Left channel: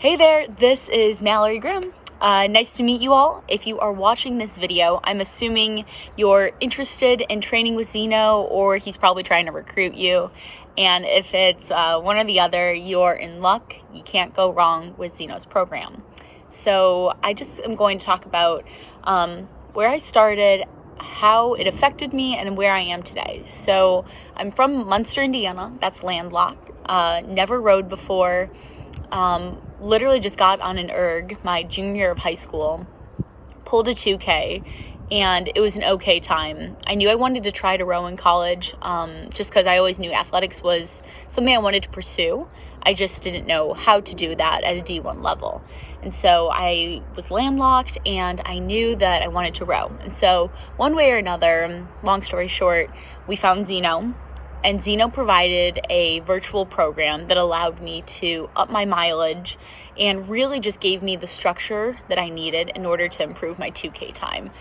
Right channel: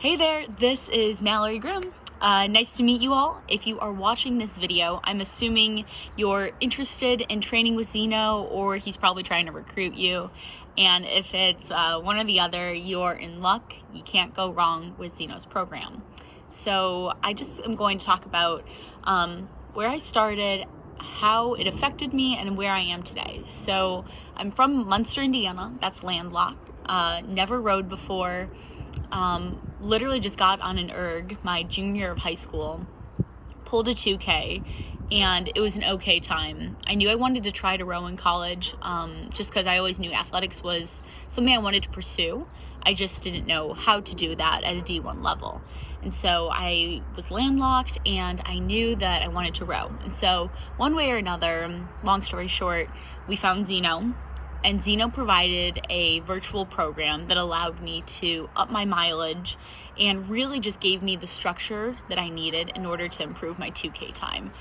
Hey there, this is Mallory Grimm. Nice to meet you all. If you are watching this video, I'm assuming you're interested in training with Xeno, or he's probably trying to recruit you. And if it's one or the other, you're in luck. You can't go wrong with Xeno's program. So I just am going to talk about where I started, how it affected me, and where I am today. So I'm from Munster, Indiana. That's landlocked. Never rode before. Literally just got on an erg my junior year of high school, pulled a 2K, and it was an okay time. I knew I wanted to try to row in college, just because I always knew athletics was something I wanted to pursue. I just didn't know how to do that at a D1 level. And so I was landlocked, and I knew that I wanted to row. And so one way or another, long story short, we found Xeno. And Xeno provided a virtual program that allowed me to up my mileage and really just gave me the structure that I needed in order to improve my 2K time.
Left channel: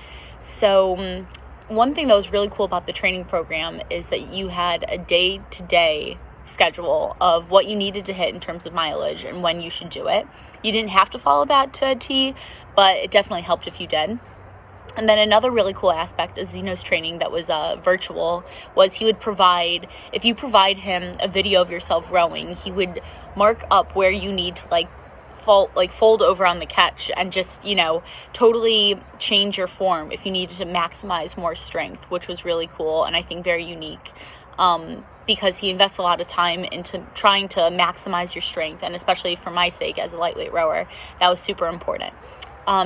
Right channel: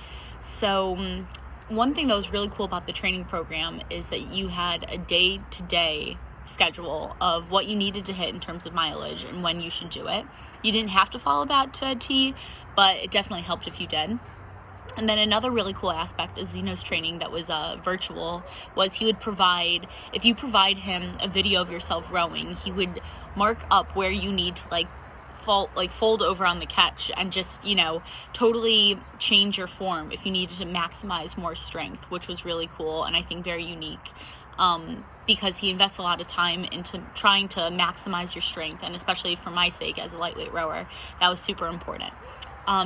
So one thing that was really cool about the training program is that you had a day-to-day schedule of what you needed to hit in terms of mileage and when you should do it. You didn't have to follow that to a T, but it definitely helped if you did. And then another really cool aspect of Xeno's training that was virtual was he would provide, if you provide him a video of yourself rowing, he would mark up where you need to fold over on the catch and just, totally change your form if you needed to maximize more strength, which was really cool and I think very unique, because he invests a lot of time into trying to maximize your strength, and especially for my sake as a lightweight rower, that was super important.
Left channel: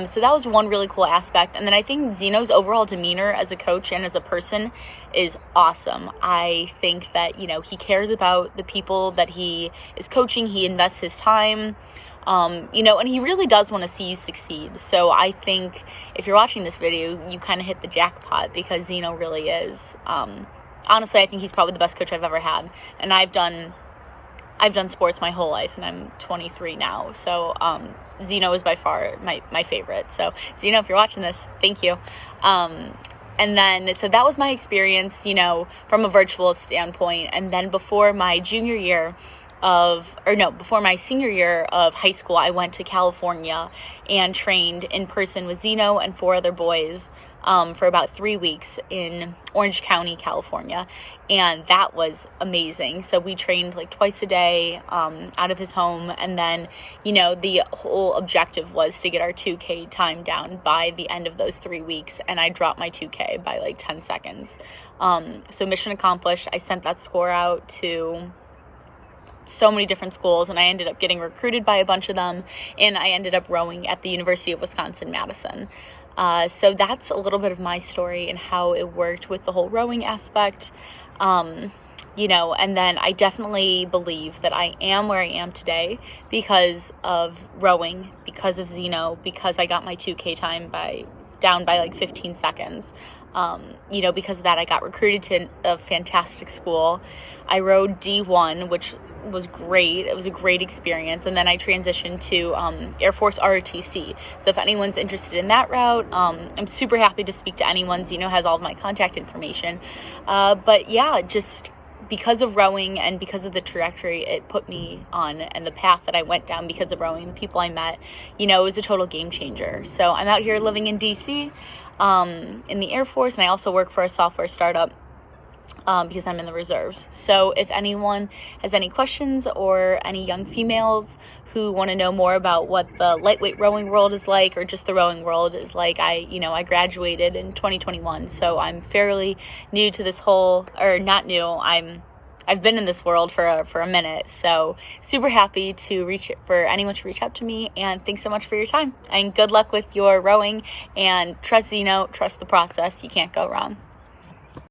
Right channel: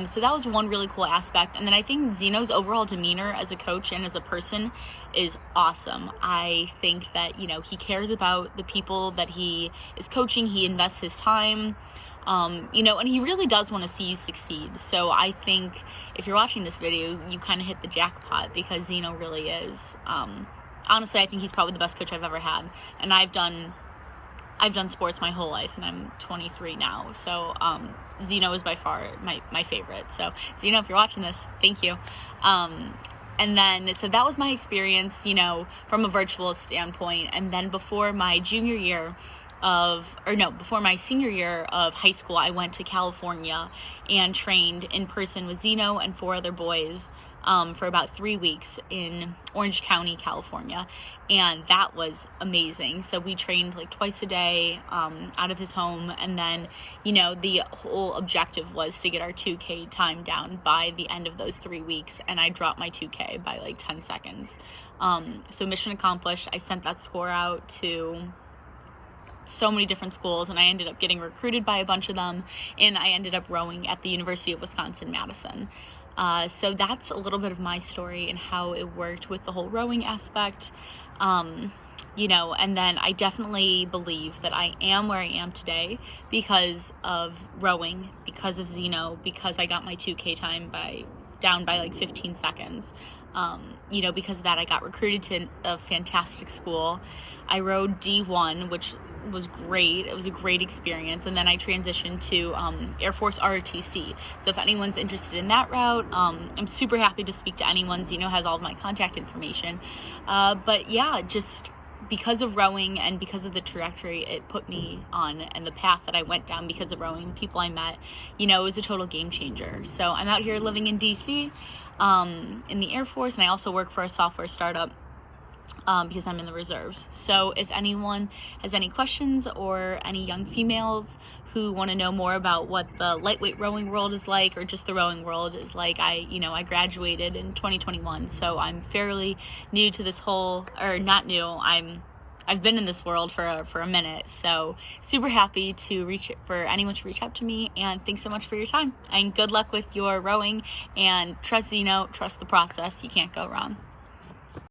So that was one really cool aspect. And then I think Xeno's overall demeanor as a coach and as a person is awesome. I think that, he cares about the people that he is coaching. He invests his time, and he really does want to see you succeed. So I think if you're watching this video, you kind of hit the jackpot, because Xeno really is. Honestly, I think he's probably the best coach I've ever had. And I've done sports my whole life, and I'm 23 now. So Xeno is by far my favorite. So Xeno, if you're watching this, thank you. And then, so that was my experience, from a virtual standpoint. And then before my senior year of high school, I went to California and trained in person with Xeno and 4 other boys for about 3 weeks in Orange County, California. And that was amazing. So we trained twice a day out of his home. And then, the whole objective was to get our 2K time down by the end of those 3 weeks. And I dropped my 2K by 10 seconds. So mission accomplished. I sent that score out to so many different schools, and I ended up getting recruited by a bunch of them. And I ended up rowing at the University of Wisconsin-Madison. So that's a little bit of my story and how it worked with the whole rowing aspect. And then I definitely believe that I am where I am today because of rowing, because of Xeno, because I got my 2K time down by 15 seconds. Because of that, I got recruited to a fantastic school. I rowed D1, which was great. It was a great experience. And then I transitioned to Air Force ROTC. So if anyone's interested in that route, I'm super happy to speak to anyone. Xeno has all of my contact information. But yeah, just because of rowing and because of the trajectory it put me on and the path that I went down because of rowing, the people I met, it was a total game changer. So I'm out here living in DC, in the Air Force, and I also work for a software startup because I'm in the reserves. So if anyone has any questions, or any young females who want to know more about what the lightweight rowing world is like, or just the rowing world is like, I graduated in 2021, so I'm fairly new to this whole, or not new, I've been in this world for a minute. So super happy for anyone to reach out to me, and thanks so much for your time, and good luck with your rowing, and trust Xeno, trust the process. You can't go wrong.